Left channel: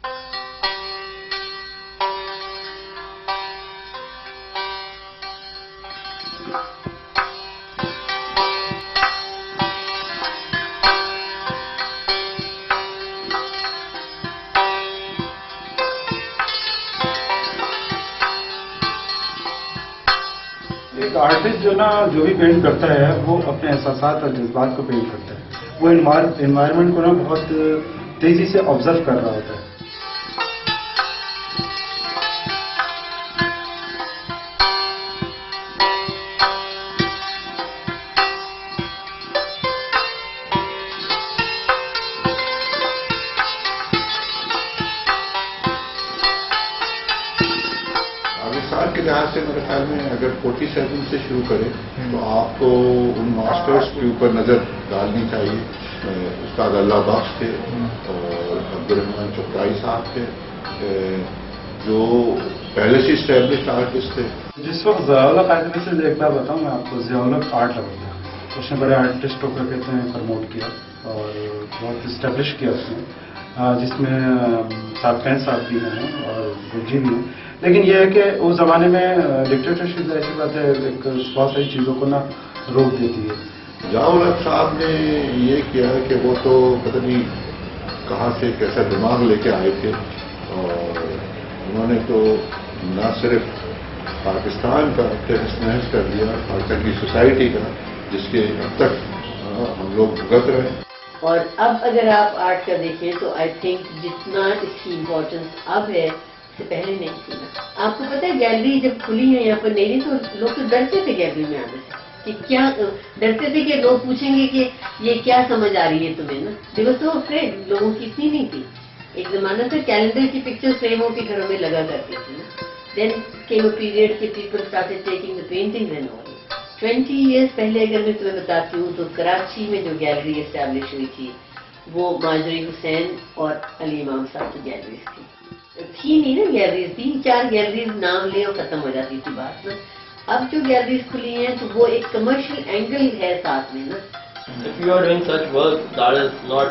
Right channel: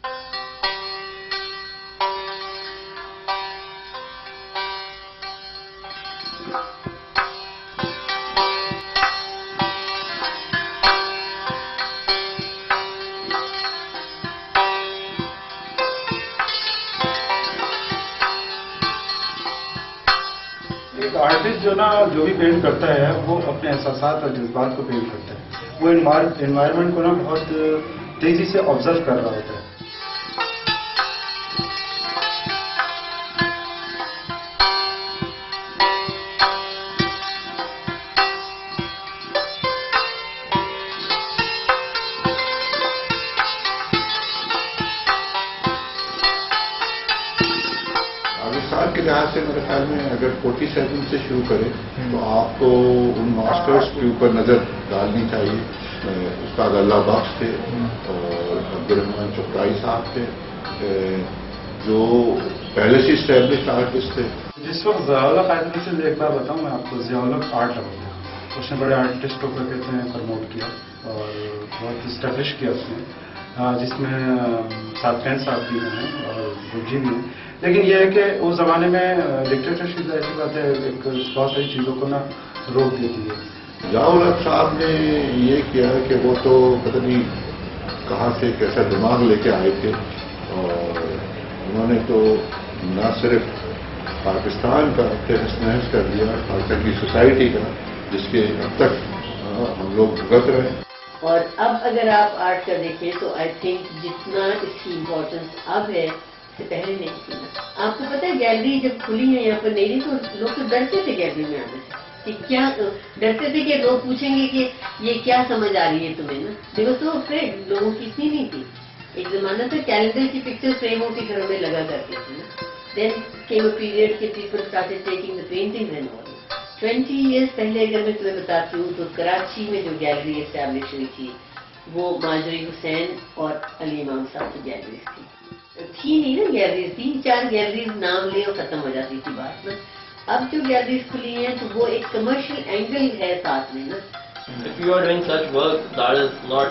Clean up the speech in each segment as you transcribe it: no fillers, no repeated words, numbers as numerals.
ایک آرٹسٹ جو بھی پینٹ کرتا ہے وہ اپنے احساسات اور جذبات کو پینٹ کرتا ہے. وہ انوائرمنٹ کو بہت تیزی سے آبزرو کر رہا ہوتا ہے. سال کے لحاظ سے میرے خیال میں اگر 47 سے شروع کریں تو آپ کو ان ماسٹرز کے اوپر نظر ڈالنی چاہیے. استاد اللہ بخش تھے اور عبدالرحمان چپرائی صاحب تھے جو پہلے سے اسٹیبلشڈ آرٹسٹ تھے. جس وقت ضیاء الحق آئے تھے سے ایک بار بتاؤں میں آپ کو, ضیاء الحق آرٹ لگا تھا. اس نے بڑے آرٹسٹوں کو کہتے ہیں پروموٹ کیا اور بہت اسٹیبلش کیا اس نے, جس میں صادقین صاحب بھی ہیں اور گلجی بھی ہیں. لیکن یہ ہے کہ اس زمانے میں ڈکٹیٹرشپ ایسی بات ہے, ایک بہت ساری چیزوں کو روک دیتی ہے. ضیاء الحق صاحب نے یہ کیا کہ وہ تو پتہ نہیں کہاں سے کیسا دماغ لے کے آئے تھے اور انہوں نے تو نہ صرف پاکستان کا تہس نہس کر دیا, پاکستان کی سوسائٹی کا, جس کے اب تک ہم لوگ بھگت رہے ہیں. اور اب اگر آپ آرٹ کا دیکھیں تو آئی تھنک جتنا اس کی امپورٹنس اب ہے سے پہلے نہیں تھی نا. آپ کو پتہ ہے گیلری جب کھلی ہے یہاں پر نہیں تو لوگ تو ڈرتے تھے گیلری میں آنے سے, کہ کیا ڈرتے تھے کہ لوگ پوچھیں گے کہ یہ کیا سمجھ آ رہی ہے تمہیں نا. دے واز سو افریڈ. لوگوں کی اتنی نہیں تھی. ایک زمانہ تھا کیلنڈر کی پکچر فریموں کے گھروں میں لگا کرتی تھی نا. دین کیم اے پیریڈ کہ people started taking the painting and all. 20 years پہلے اگر میں تمہیں بتاتی ہوں تو کراچی میں جو گیلری اسٹیبلش ہوئی تھی وہ ماجری حسین اور علی امام صاحب کی گیلریز تھی نہیں نا. گیلریز 3-4 گیلریز نام لے اور ختم ہو جاتی تھی بات نا. اب جو گیلریز کھلی ہیں تو وہ ایک کمرشل اینگل ہے ساتھ میں نا. If you are doing such work that is not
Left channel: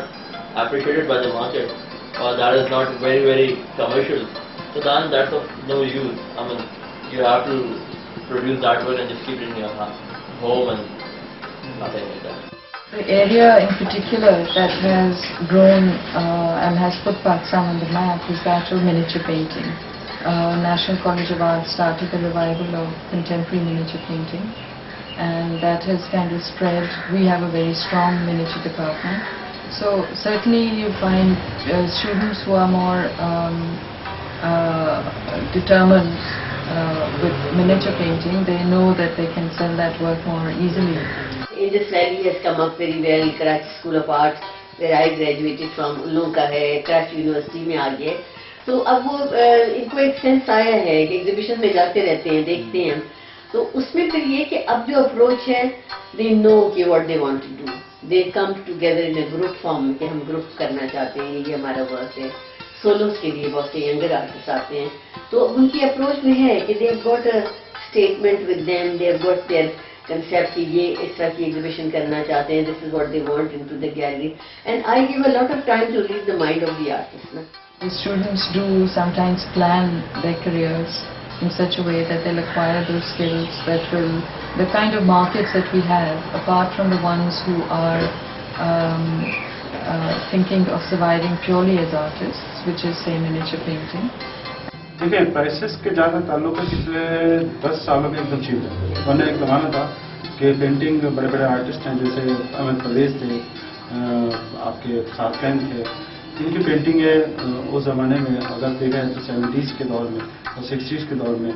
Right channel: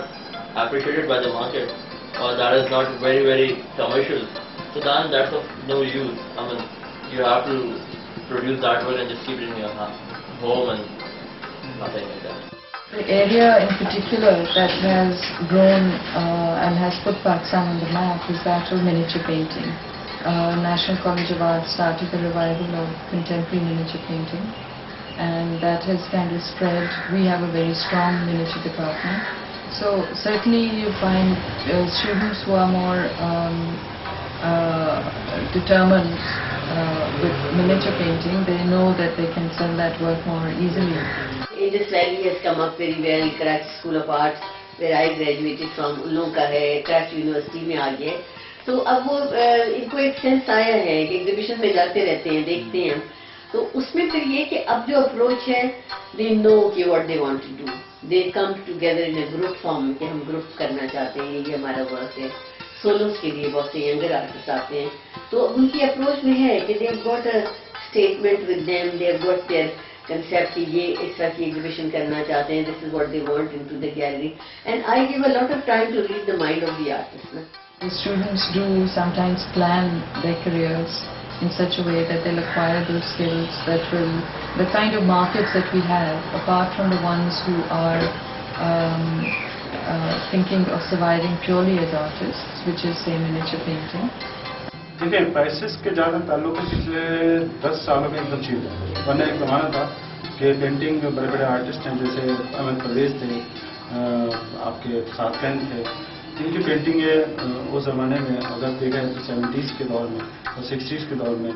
appreciated by the market or that is not very, very commercial, so then that's of no use. I mean, you have to produce that work and just keep it in your home and nothing like that. The area in particular that has grown and has put Pakistan on the map is that of miniature painting. National College of Art started the revival of contemporary miniature painting, and that has kind of spread. We have a very strong miniature department. So certainly you find students who are more determined with miniature painting. They know that they can sell that work more easily. Indus Valley has come up very well. Karachi School of Arts, where I graduated from, ان لوگوں کا ہے, Karachi university میں آ گیا. تو اب وہ ان کو ایک سینس آیا ہے کہ ایگزیبیشن میں جاتے رہتے ہیں, دیکھتے ہیں. تو اس میں پھر یہ کہ اب جو اپروچ ہے, دے نو کہ what they want to do. They come together in a group form کہ ہم گروپ کرنا چاہتے ہیں, یہ ہمارا ورک ہے. سولوز کے لیے بہت سے ینگر آرٹسٹ آتے ہیں. تو ان کی اپروچ میں ہے کہ they have got a statement with them, they have got their concept کہ یہ اس طرح کی ایگزیبیشن کرنا چاہتے ہیں. This is what they want in to the gallery. And I gave a lot of time to read the mind of the artist نا. The students do sometimes plan their careers in such a way that they'll acquire those skills that will, the kind of markets that we have, apart from the ones who are thinking of surviving purely as artists, which is say miniature painting. دیکھیں prices کے زیادہ تعلق ہے پچھلے 10 سالوں میں ایک دم چیز ہے. ورنہ ایک زمانہ تھا کہ پینٹنگ بڑے بڑے آرٹسٹ ہیں جیسے احمد پرویز تھے, آپ کے صادقین تھے, ان کی پینٹنگ ہے اس زمانے میں اگر دیکھیں تو 70s کے دور میں اور 60s کے دور میں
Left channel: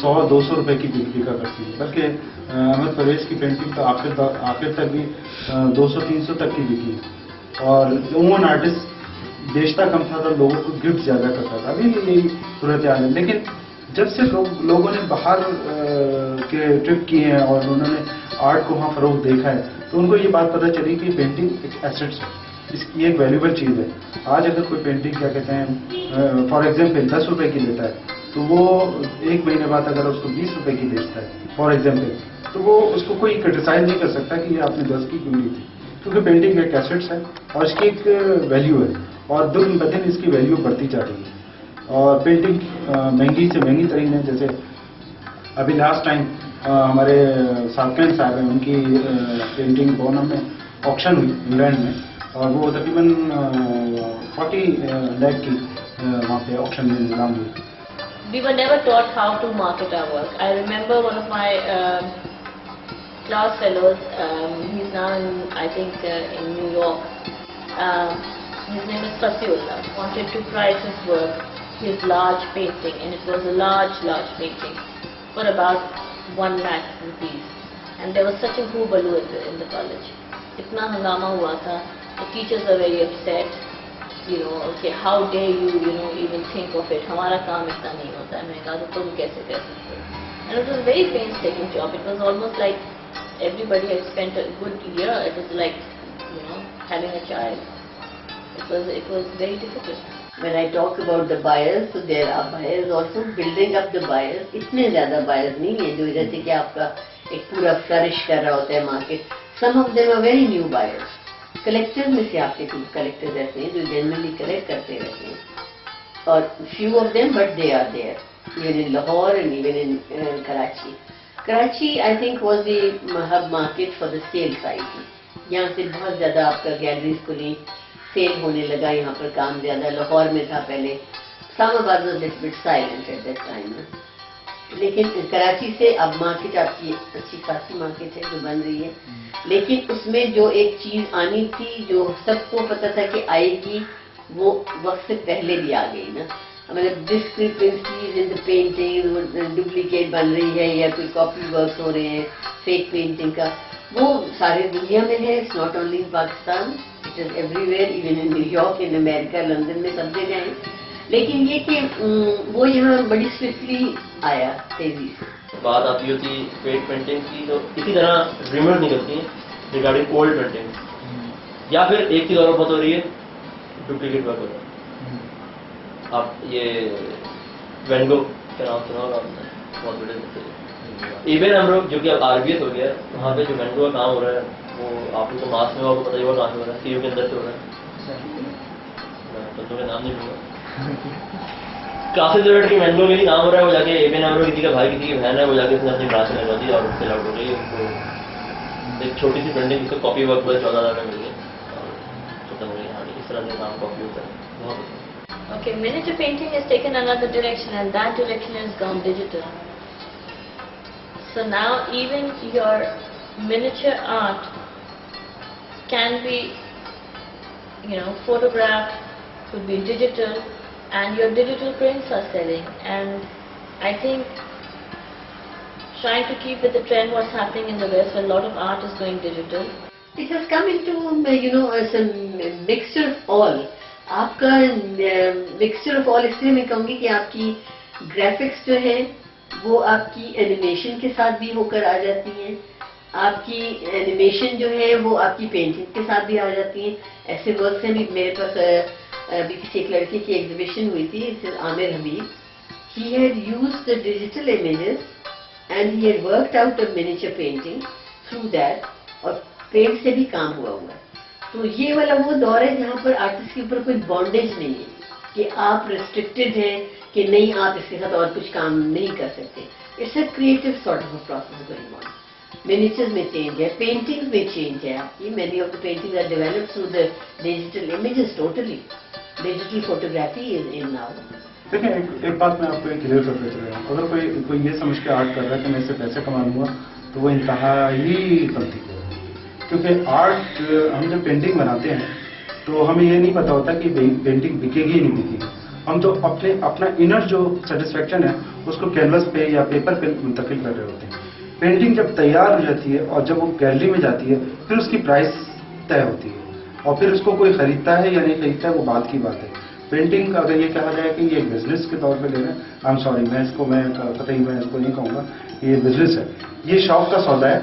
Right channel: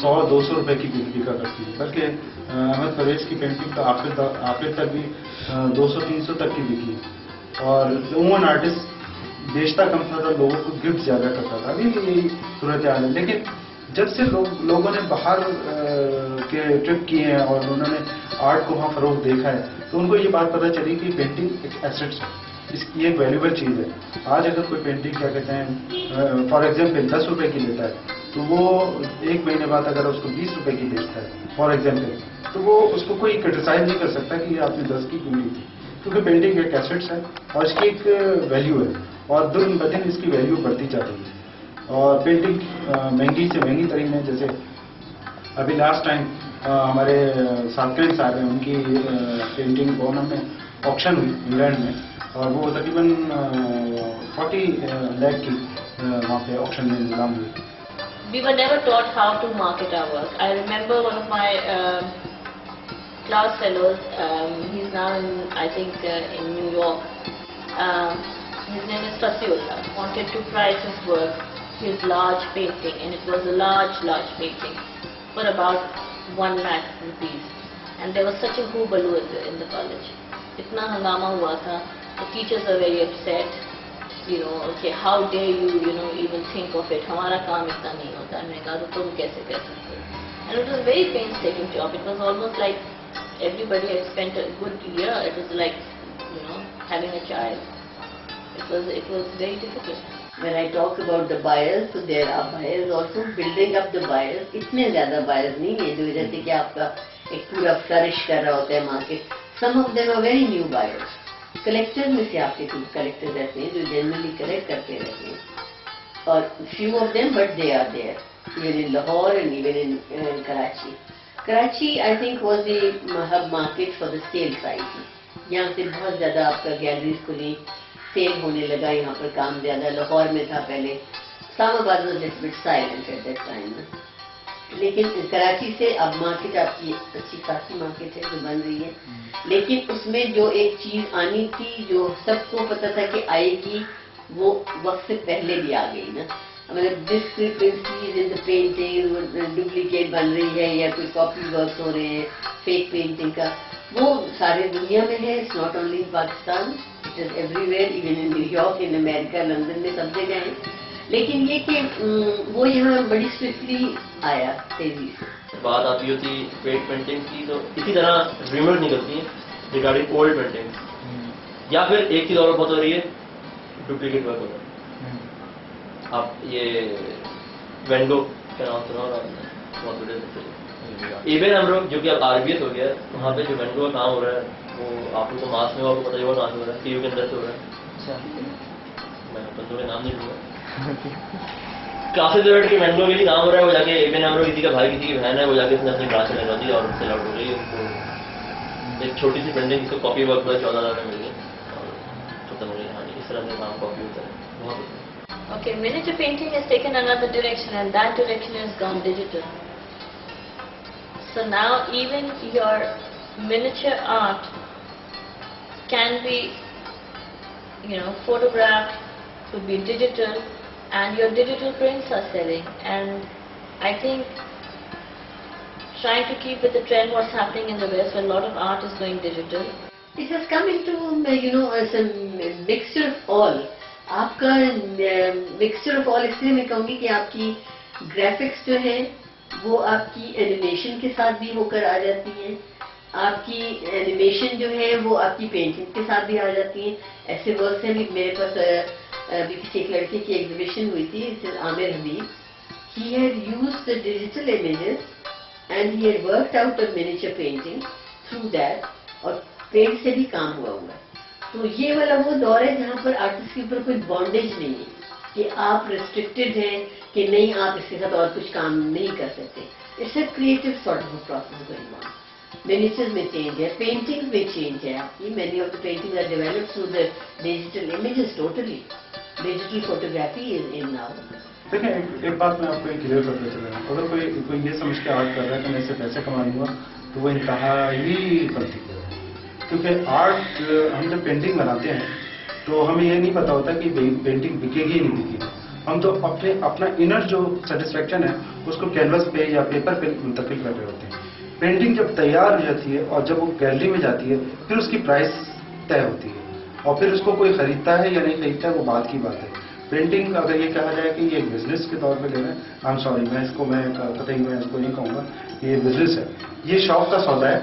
100-200 روپے کی بکا کرتی ہے. بلکہ احمد پرویز کی پینٹنگ تو آخر تک بھی 200-300 تک کی بکی ہے. اور عموماً آرٹسٹ بیچتا کم تھا تو لوگوں کو گفٹ زیادہ کرتا تھا. ابھی بھی یہی صورت حال ہے. لیکن جب سے لوگوں نے باہر کے ٹرپ کیے ہیں اور انہوں نے آرٹ کو وہاں فروغ دیکھا ہے تو ان کو یہ بات پتہ چلی کہ پینٹنگ ایک ایسٹس ہے, اس کی ایک ویلیوبل چیز ہے. آج اگر کوئی پینٹنگ کیا کہتے ہیں فار ایگزامپل 10 روپے کی لیتا ہے تو وہ ایک مہینے بعد اگر اس کو 20 روپے کی بیچتا ہے فار ایگزامپل, تو وہ اس کو کوئی کرٹیسائز نہیں کر سکتا کہ یہ آپ نے 10 کی کیوں لی تھی, کیونکہ پینٹنگ ایک ایسٹس ہے اور اس کی ایک ویلیو ہے. اور دن بدن اس کی ویلیو بڑھتی جا رہی ہے اور پینٹنگ مہنگی سے مہنگی ترین ہے. جیسے ابھی لاسٹ ٹائم ہمارے ساتھ صاحب ہیں ان کی پینٹنگ بونم میں آکشن ہوئی انگلینڈ میں اور وہ تقریباً 40 لاکھ کی وہاں پہ آکشن میں نیلام ہوئی. We were never taught how to market our work. I remember one of my class fellows, he's now I think in New York. His name is Fasiullah. Wanted to price his work, his large painting, and it was a large painting for about 1 lakh rupees. And there was such a hullabaloo in the college. Itna hangama hua tha. The teachers were very upset. Okay, how dare you, even think of it. ہمارا کام اتنا نہیں ہوتا ہے. میں نے کہا تو تم کیسے کر سکتے ہو. And it was a very painstaking job. It was almost like everybody had spent a good year. It was like, having a child. It was very difficult. When I talk about the buyers, so there are buyers also building up the buyers. اتنے زیادہ buyers نہیں ہیں جو جیسے کہ آپ کا ایک پورا flourish کر رہا ہوتا ہے market. Some of them are very new buyers. Collector میں سے آپ کے کچھ کلیکٹر ایسے ہیں جو جنرلی کلیکٹ کرتے رہتے ہیں اور few of them but they are there even in Lahore and even in Karachi. Karachi I think was the hub market for the sale side. یہاں سے بہت زیادہ آپ کا گیلریز کھلی سیل ہونے لگا. یہاں پر کام زیادہ لاہور میں تھا پہلے. اسلام آباد was little bit silent at that time. لیکن کراچی سے اب مارکیٹ آپ کی اچھی خاصی مارکیٹ ہے جو بن رہی ہے. لیکن اس میں جو ایک چیز آنی تھی جو سب کو پتا تھا کہ آئے گی وہ وقت سے پہلے بھی آ گئی نا. مطلب ڈسکریپنسیز ان دا پینٹنگ ڈپلیکیٹ بن رہی ہے یا کوئی کاپی ورکس ہو رہے ہیں فیک پینٹنگ کا, وہ سارے دنیا میں ہے. It's not only in Pakistan, it is everywhere, even in New York امریکہ, لندن میں سب جگہ ہیں. لیکن یہ کہ وہ یہاں بڑی سوئفٹلی آیا تیزی سے. بات آتی ہوتی فیک پینٹنگ کی تو اسی طرح ریمر نکلتی ہیں ریگارڈنگ اولڈ پینٹنگ یا پھر ایک چیز اور بہت ہو رہی ہے ڈپلیکیٹ ورک ہو رہا ہے. آپ یہ وین گو کا نام سنا ہوگا آپ نے, بہت بڑے ایون ہم لوگ جو کہ اب RBS ہو گیا ہے وہاں پہ جو وین گو کا کام ہو رہا ہے وہ آپ کو تو ماس میں آپ کو پتہ ہی ہوگا کہاں سے ہو رہا ہے, CU کے اندر سے ہو رہا ہے. میں بندوں کے نام نہیں لوں گا. کافی دور کے مینگو کے لیے کام ہو رہا ہے, وہ جا کے ایون ہم لوگ کسی کا بھائی کسی کی بہن ہے وہ جا کے اس نے اپنی برانچ میں لگا دی اور سیل آؤٹ ہو گئی. ان کو ایک چھوٹی سی پرنٹنگ جس کو کاپی ورک پر 14,000 کا مل گیا اور ختم ہو گئی کہانی. اس طرح سے کام کاپی ہوتا ہے بہت. Okay, miniature painting has taken another direction and that direction has gone digital. So now even your miniature art can be, photographed, could be digital, and your digital prints are selling. And I think trying to keep with the trend what's happening in the West where a lot of art is going digital. It has come into as a mixture of all. آپ کا mixture of all اس لیے میں کہوں گی کہ آپ کی graphics جو ہے وہ آپ کی اینیمیشن کے ساتھ بھی ہو کر آ جاتی ہیں. آپ کی اینیمیشن جو ہے وہ آپ کی پینٹنگ کے ساتھ بھی آ جاتی ہیں. ایسے ورکس ہیں بھی میرے پاس ابھی کسی ایک لڑکے کی ایگزیبیشن ہوئی تھی, Aamir Habib. He had used the digital images and he had worked out a miniature painting through that, اور پینٹ سے بھی کام ہوا ہے. تو یہ والا وہ دور ہے جہاں پر آرٹسٹ کے اوپر کوئی بانڈیج نہیں ہے کہ آپ ریسٹرکٹیڈ ہیں کہ نہیں آپ اس کے ساتھ اور کچھ کام نہیں کر سکتے. It's a creative sort of a process going on. Miniatures میں چینج ہے, پینٹنگز میں چینج ہے آپ کی. Many of the paintings are developed through the digital images. Totally digital photography is in now. دیکھیں ایک بات میں آپ کو کلیئر کرتے چلا رہا ہوں. اگر کوئی یہ سمجھ کے آرٹ کر رہا ہے کہ میں اس سے پیسے کما لوں گا تو وہ انتہائی غلطی ہے. کیونکہ آرٹ ہم جب پینٹنگ بناتے ہیں تو ہمیں یہ نہیں پتا ہوتا کہ پینٹنگ بکے گی یا نہیں بکے گی. ہم تو اپنا انر جو سیٹسفیکشن ہے اس کو کینوس پہ یا پیپر پہ منتقل کر رہے ہوتے ہیں. پینٹنگ جب تیار ہو جاتی ہے اور جب وہ گیلری میں جاتی ہے پھر اس کی پرائس طے ہوتی ہے اور پھر اس کو کوئی خریدتا ہے یا نہیں خریدتا ہے وہ بات کی بات ہے. پینٹنگ اگر یہ کہا جائے کہ یہ ایک بزنس کے طور پہ لے رہے ہیں, آئی ایم سوری, میں قطعی میں اس کو نہیں کہوں گا. یہ بزنس ہے, یہ شوق کا سودا ہے.